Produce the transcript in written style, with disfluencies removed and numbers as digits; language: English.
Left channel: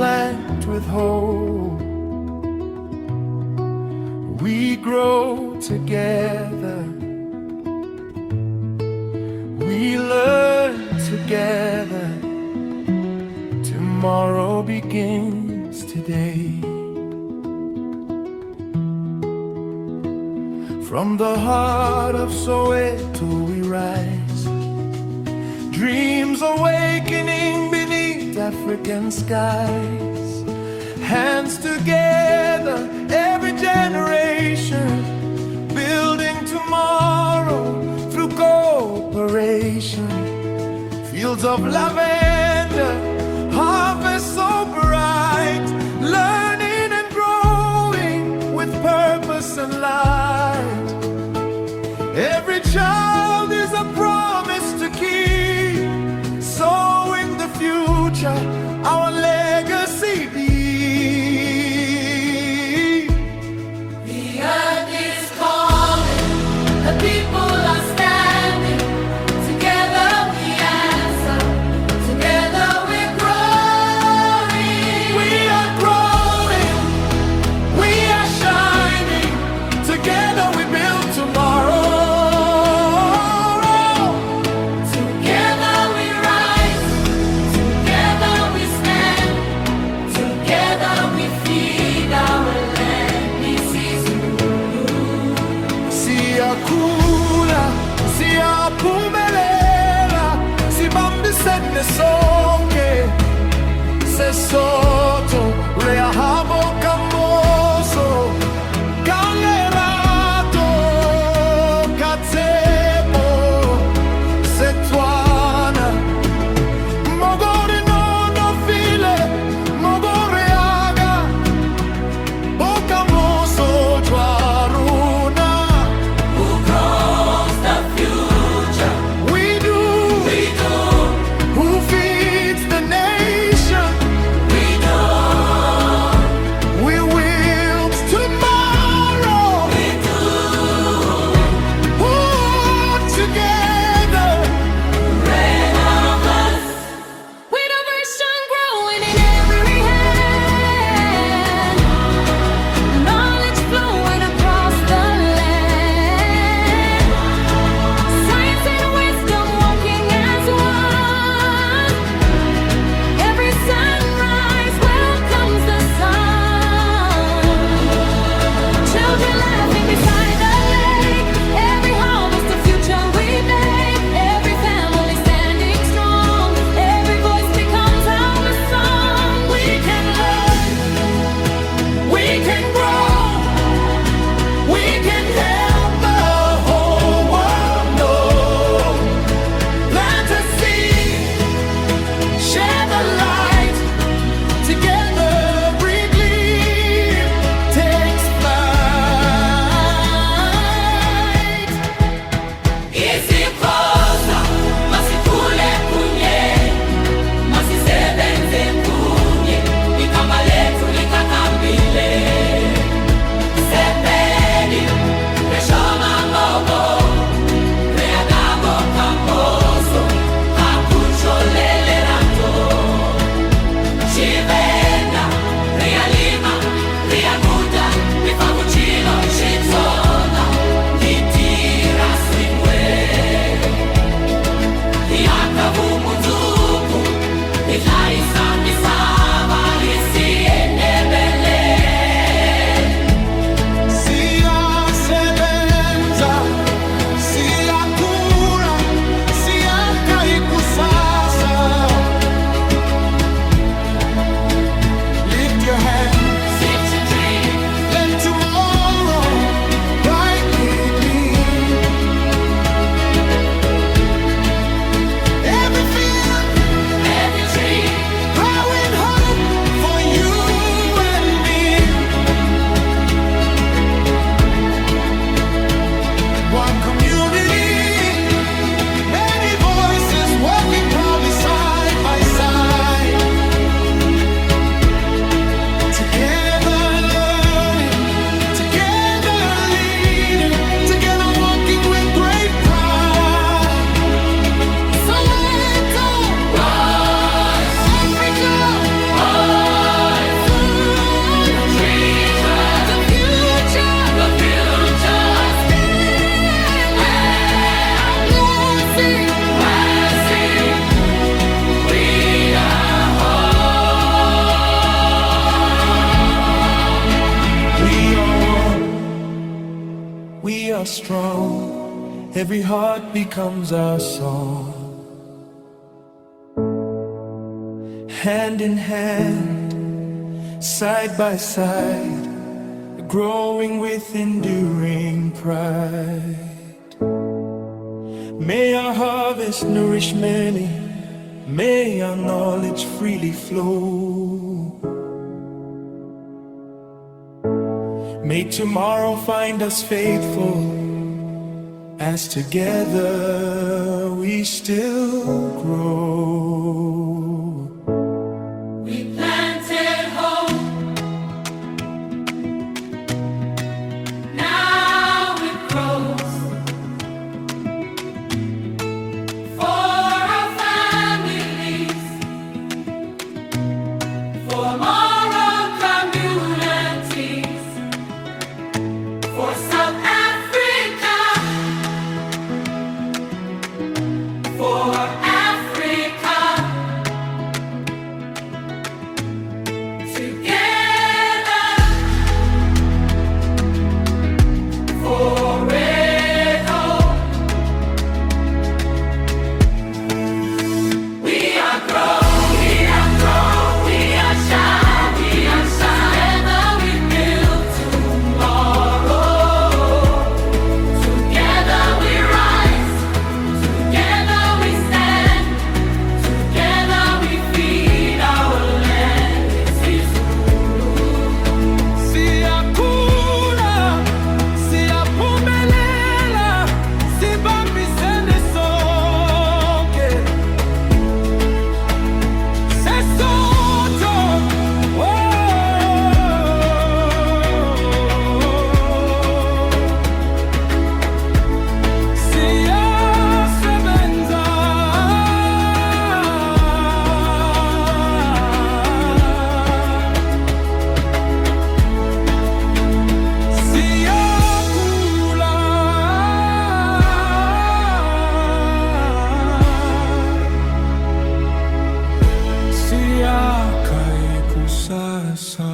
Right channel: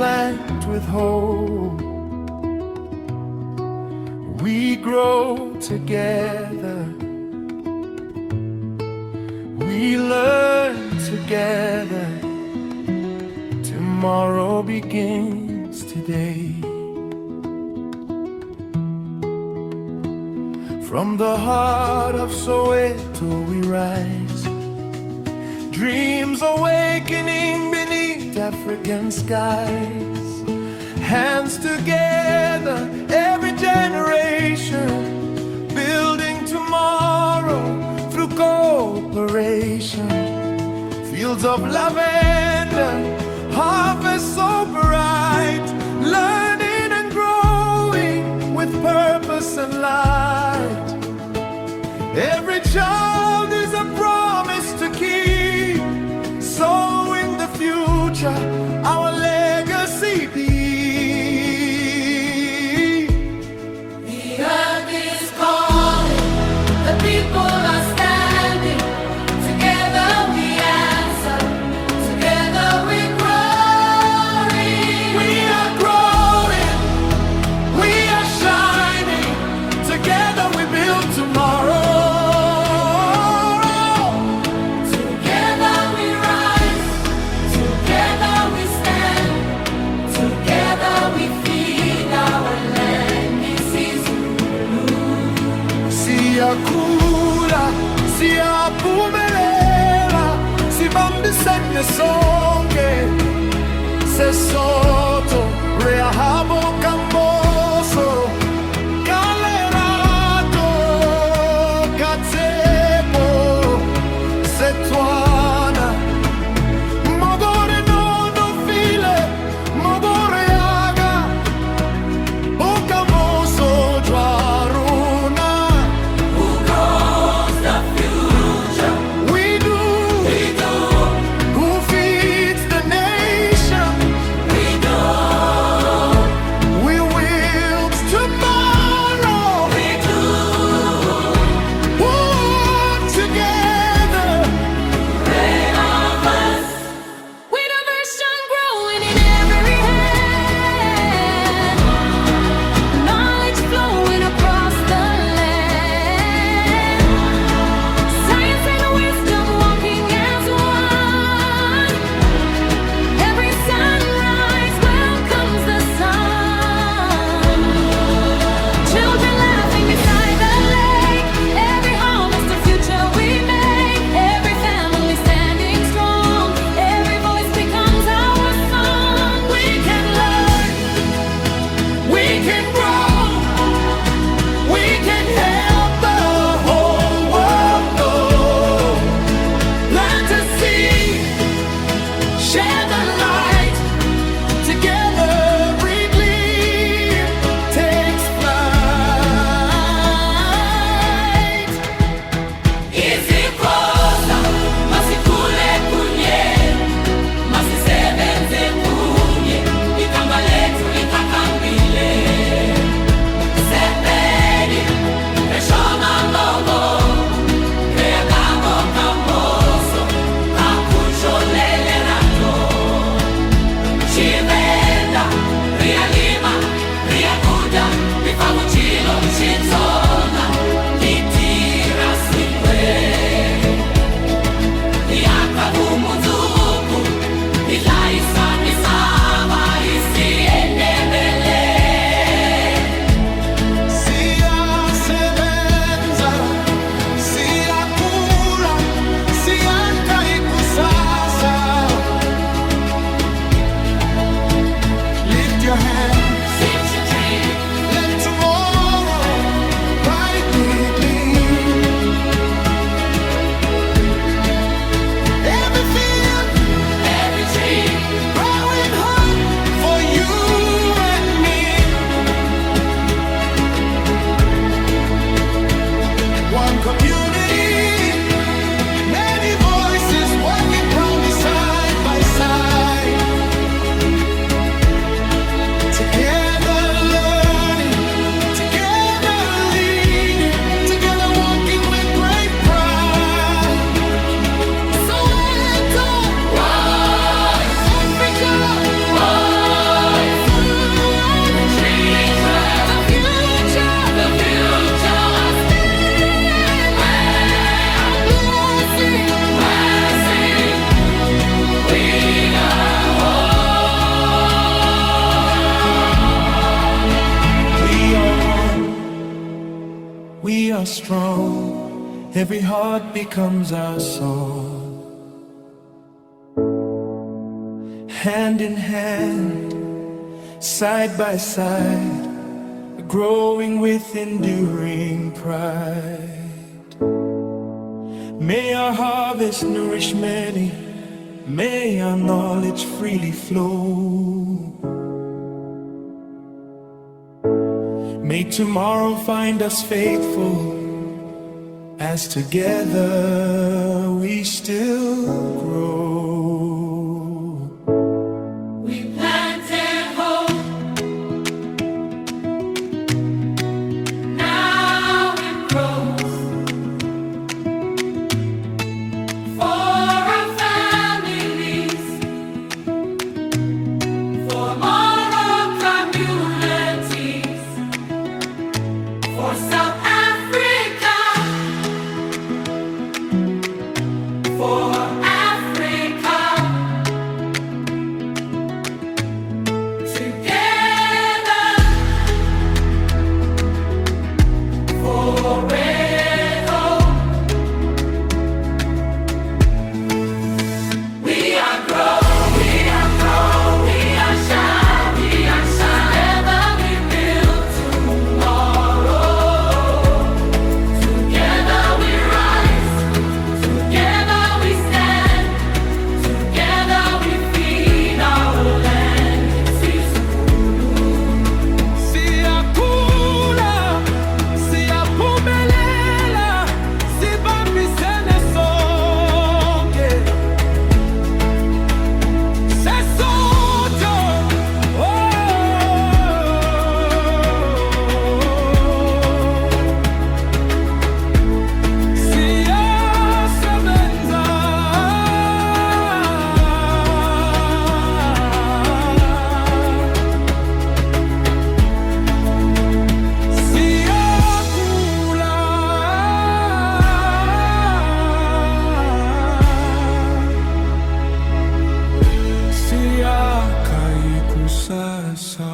plant with hope. We grow together. We learn together. Tomorrow begins today. From the heart of Soweto we rise, dreams awakening beneath African skies. Hands together, every generation, building tomorrow through cooperation. Fields of lavender, harvest so bright, learning and growing with purpose and light. Every child is a promise to keep, sowing the future, our legacy deep. The earth is calling, the people are standing. Together we answer, together we're growing. We are growing, we are shining, together we build tomorrow. Together we rise, together we stand, together we feed our land, isiZulu. Siyakhula, siyaphumelela, sibambisene sonke. Sesotho, rehabo kamoso, kalerato, katsepo, Setswana. Mogore no file, mogore aga, bokamoso dwaruna. Who grows the future? We do. Who feeds the nation? We do. We wield tomorrow. We do. Put together. Red of us. With a version growing in every hand, knowledge flowing across the land, science and wisdom walking as one. Every sunrise welcomes the sun. Children laughing beside the lake. Every harvest a future we make. Every family standing strong. Every voice becomes our song. We can learn, We can grow. We can help the whole world know. Plant a seed, share the light. Together every gleam takes flight. isiXhosa masikhule kunye, masisebenze kunye, igama lethu likakambile. Sepedi, reshonga ngobo, reagago kamoso, kakucholele rato. Tshivenda, rialima, riaguda, rifavuchilo, Xitsonga, itira swingwe. Iyakavumunzuku, idlayisa misava, isiNdebele. Siyasebenza, siyakhula, siyakha ikusasa. Lift your hand, Sit and dream, let tomorrow brightly gleam. Every field, every tree, growing hope for you and me. One community, many voices working proudly side by side. Together learning, together leading, together walking with great pride. Soweto, rise, Africa, rise. we are strong. Every heart becomes our song. Hand in hand, side by side, growing with enduring pride. May our harvest nourish many, may our knowledge freely flow. May tomorrow find us faithful, as together we still grow. We planted hope, now it grows. For our families, for moral communities, for South Africa, for Africa. Together, forever. We are grown, we are grown, we are shine, we are shine. Together we build tomorrow. Together we rise, together we stand, together we feed our land. Siyakhula, siyaphumelela, sibambisene sonke. Sesotho, oh, siyasebenza. Siyakhula, siyakha ikusasa.